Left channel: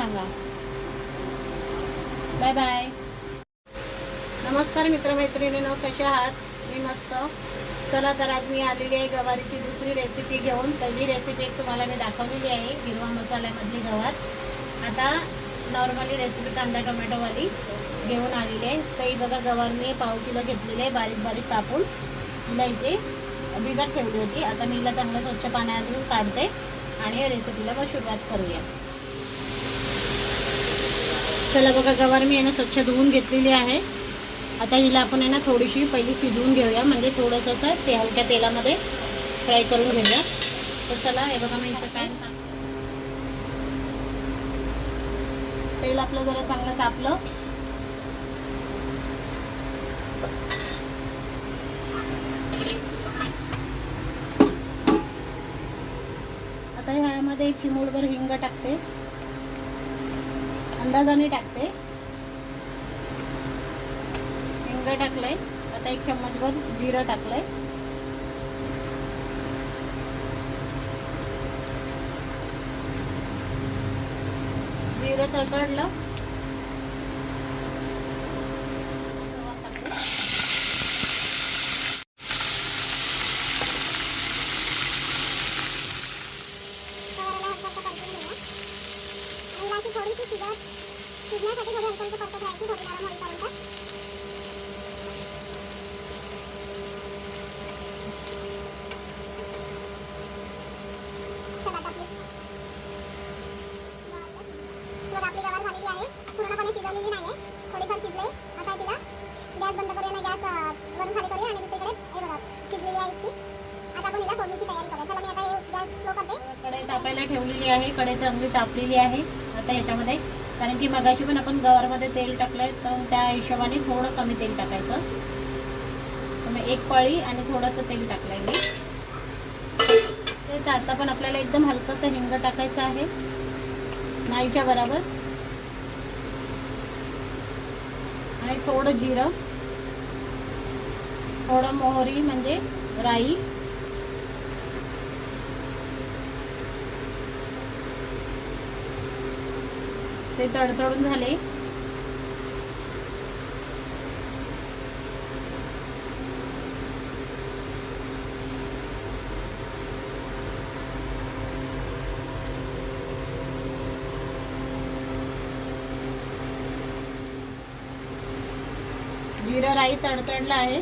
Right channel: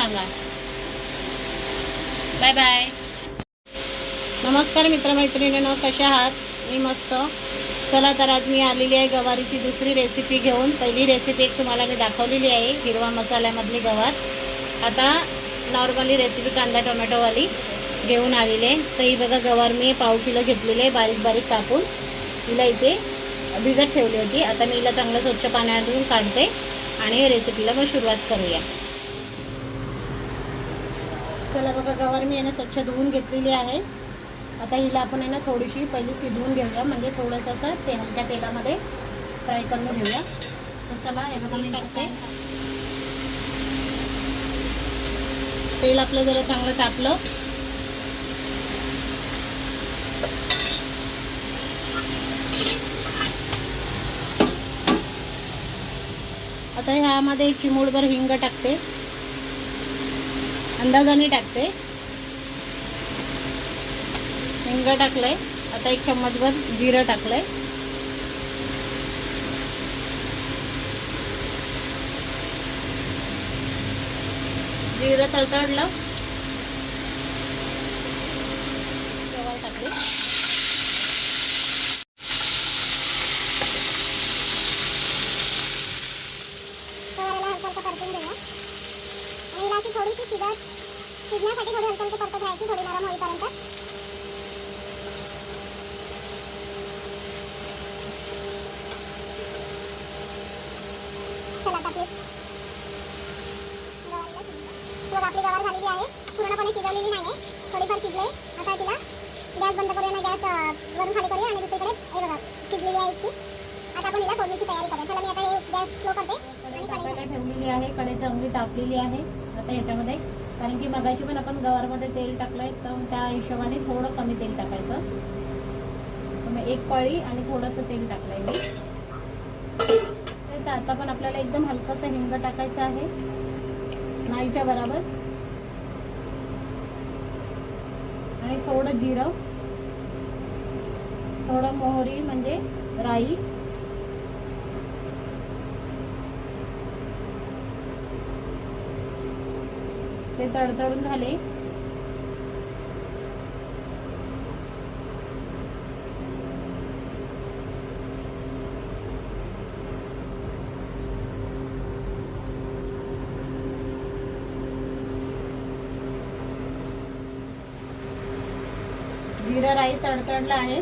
सांगा. Bye bye नमस्कार मित्रमैत्रिणींनो कशा आहात? मी मस्त. चला तर आज मी आलेली आहे गवारीची दुसरी रेसिपी घेऊन. पहिली रेसिपी एक तुम्हाला मी दाखवलेली आहे हिरवा मसाल्यामधली गवार. आता नॉर्मली रेसिपी कांदा टोमॅटोवाली घेऊन आलेली आहे. तर ही बघा गवार मी पाव किलो घेतलेली आहे बारीक बारीक कापून. हिला इथे भिजत ठेवली होती. आता मी हिला चांगलं स्वच्छ पाण्यातून काढते आणि रेसिपीला मग सुरुवात करूया. चला बघा गवार मी आहे ना स्वच्छ धुवून घेतलेली आहे. आता हिला आपण आहे ना थोडीशी पहिली शिजवून घेऊया. म्हणजे थोडंसं असं ते हलक्या तेलामध्ये फ्राय करून घेऊया. तर चला हे बघा मी टाकते तेल आपलं जरा चांगलं तापलं. आता ह्यामध्ये चिमूडभर हिंग टाकते. अंदाजाने टाकते. हिंग टाकलंय. आता एक चम्मचभर जिरं टाकलंय. जिरं तडतडलं तेव्हा टाकले गवाराला थोडीशी शिजत शिजण्यासाठी थोडी हलकं हलकं परतत राहायची थोडी नरम होईपर्यंत आता आहे. पूर्णपणे शिजवलेली नाही आहे थोडीफार शिजले. आता तिला गॅस बंद करूया गॅस वरून खाली करूया आणि दुसरीकडे हे बघा शिजलेली आहे इतकी. आता आपण हिला फोडणीची तयारी करूया. चला मी आता कढई तापायला ठेवलेली आहे कढई चांगली तापलेली आहे. आता याच्यामध्ये कारण की मगाशी पण आपण गवारमध्ये तेल टाकलंय तर त्या हिशोबाने थोडं कमी तेल टाकायचं. मग एक पळी आणि थोडंसं तेल टाकलंय मी. ते आता पण आपल्याला एकदम हलकंसं हिंग टाकायचं आहे. नाहीच्या बरोबर. आणि थोडं जिरं. थोडं मोहरी म्हणजे राई. ते तडतडून झाले. जिरं राई तडतडलं आहे.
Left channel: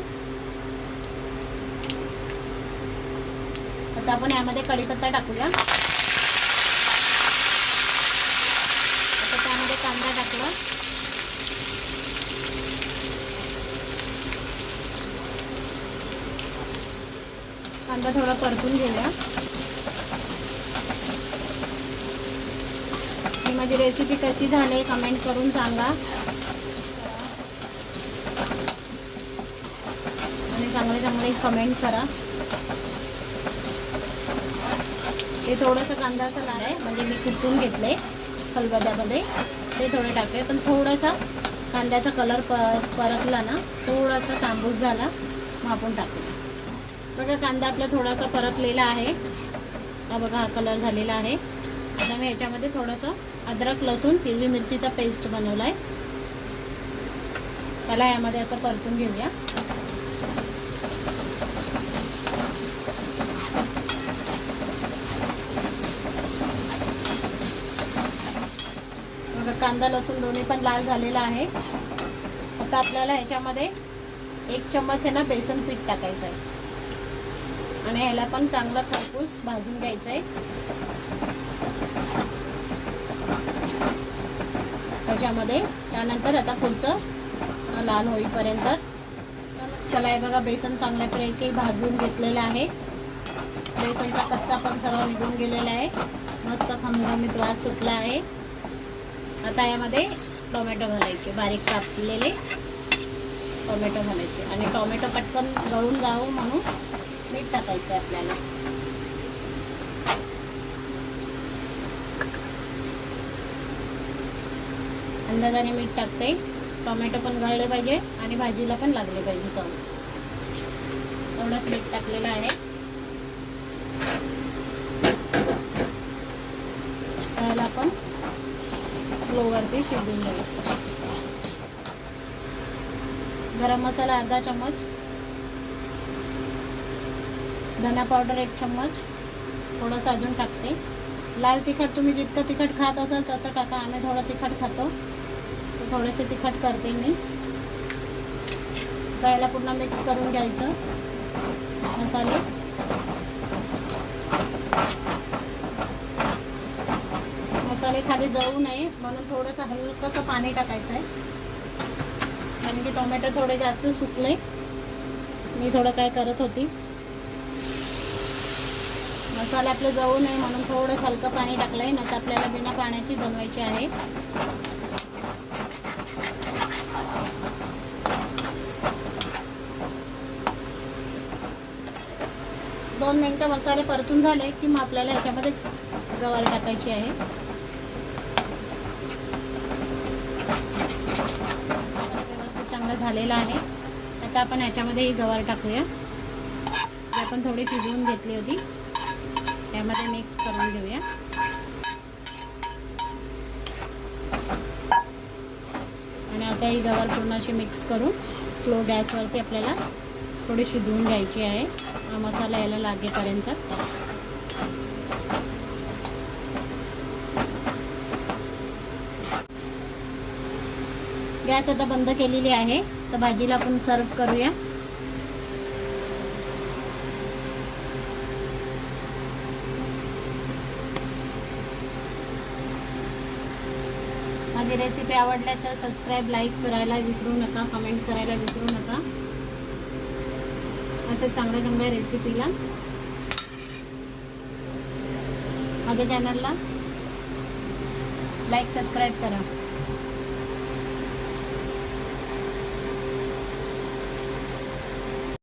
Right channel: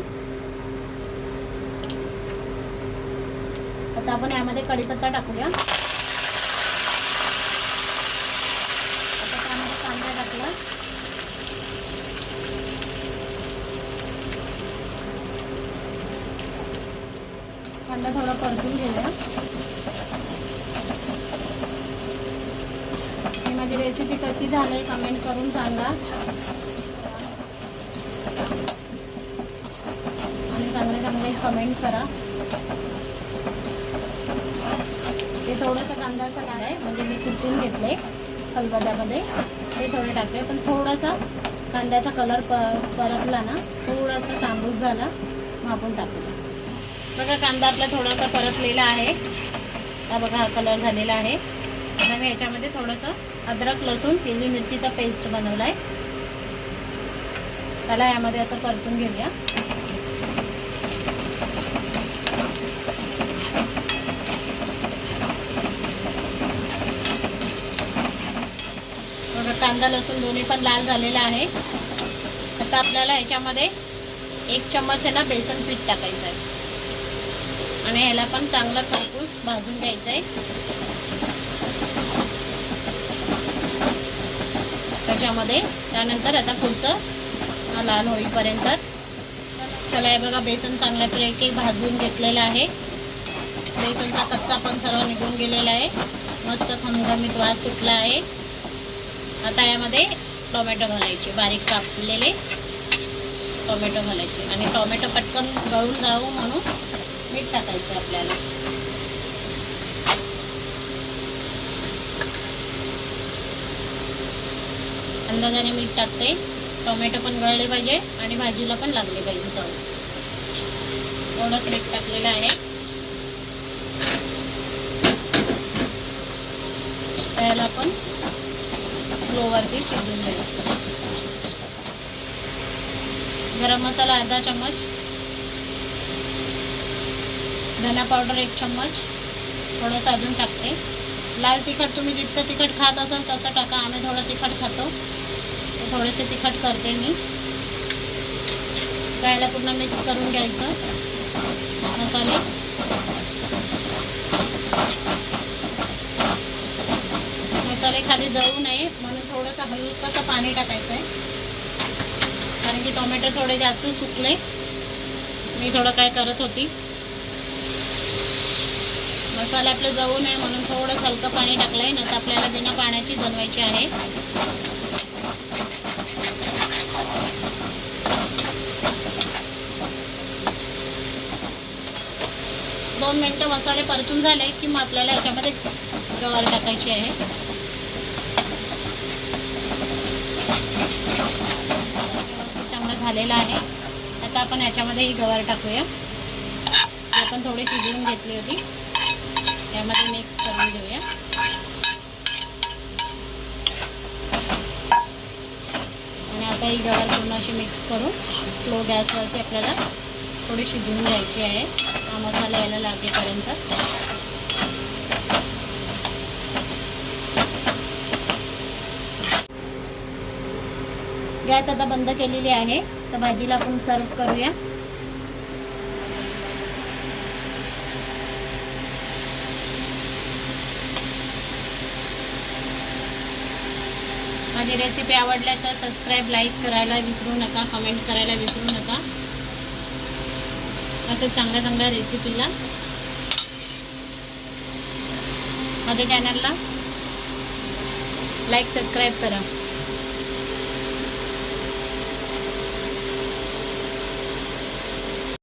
आता आपण यामध्ये कढीपत्ता टाकूया आता त्यामध्ये कांदा टाकला कांदा थोडा परतून घेऊया. ही माझी रेसिपी कशी झाली कमेंट करून सांगा. आणि चांगले चांगले कमेंट करा. ते थोडंसं कांदाचं आहे म्हणजे मी कुटून घेतले फलबद्यामध्ये ते थोडे टाकले पण थोडासा कांद्याचा कलर प परतला ना थोडासा तांबूस झाला मग आपण टाकूया. बघा कांदा आपला थोडासा परतलेला आहे. हा बघा हा कलर झालेला आहे. आता मी याच्यामध्ये थोडंसं अद्रक लसूण हिरवी मिरचीचा पेस्ट बनवला आहे त्याला यामध्ये असं परतून घेऊया. बघा कांदा लसूण दोन्ही पण लाल झालेला आहे. आता आपल्याला ह्याच्यामध्ये एक चम्मच आहे ना बेसन पीठ टाकायचं आहे. आणि ह्याला पण चांगला खरपूस भाजून घ्यायचं आहे. त्याच्यामध्ये त्यानंतर आता पुढचं लाल होईपर्यंत. चला हे बघा बेसन चांगल्यापैकी भाजून घेतलेलं आहे. बेसनचा कच्चा पण सर्व निघून गेलेला आहे. मस्त खमघमीत वास सुटला आहे. आता यामध्ये टोमॅटो घालायचे बारीक कापलेले टोमॅटो घालायचे. आणि टोमॅटो पटकन गळून जावं म्हणून मीठ टाकायचं आपल्याला. अंदाजाने मीठ टाकते. टोमॅटो पण गळले पाहिजे आणि भाजीला पण लागले पाहिजे चव. एवढंच मीठ टाकलेलं आहे. त्याला आपण लोवरती शिजून द्यायचं गरम मसाला अर्धा चम्मच. धना पावडर एक चम्मच. थोडंसं अजून टाकते. लाल तिखट तुम्ही जितकं तिखट खात असाल तसं टाका. आम्ही थोडं तिखट खातो. थोडेसे तिखट करते मी. गायला पूर्ण मिक्स करून घ्यायचं. मसाले. मसाले खाली जळू नये. म्हणून थोडंसं हलकंसं पाणी टाकायचं आहे. कारण की टोमॅटो थोडे जास्त सुकले. मी थोडं काय करत होती. मसाला आपलं जाऊ नये म्हणून थोडं हलकं पाणी टाकलं आहे नंतर आपल्याला बिना पाण्याची बनवायची आहे. दोन मिनटं मसाले परतून झाले की मग आपल्याला याच्यामध्ये गवार टाकायची आहे. चांगला चांगलं झालेलं आहे. आता आपण याच्यामध्ये ही गवार टाकूया. आपण थोडी शिजवून घेतली होती. त्यामध्ये मिक्स करून घेऊया. आणि आता ही गवार पूर्ण अशी मिक्स करून स्लो गॅसवरती आपल्याला थोडी शिजवून घ्यायची आहे. हा मसाला यायला लागेपर्यंत. गॅस आता बंद केलेली आहे. तर भाजीला आपण सर्व करूया. माझी रेसिपी आवडल्यास सबस्क्राईब लाईक करायला विसरू नका कमेंट करायला विसरू नका. असं चांगल्या चांगल्या रेसिपीला माझ्या चॅनलला लाईक सबस्क्राईब करा.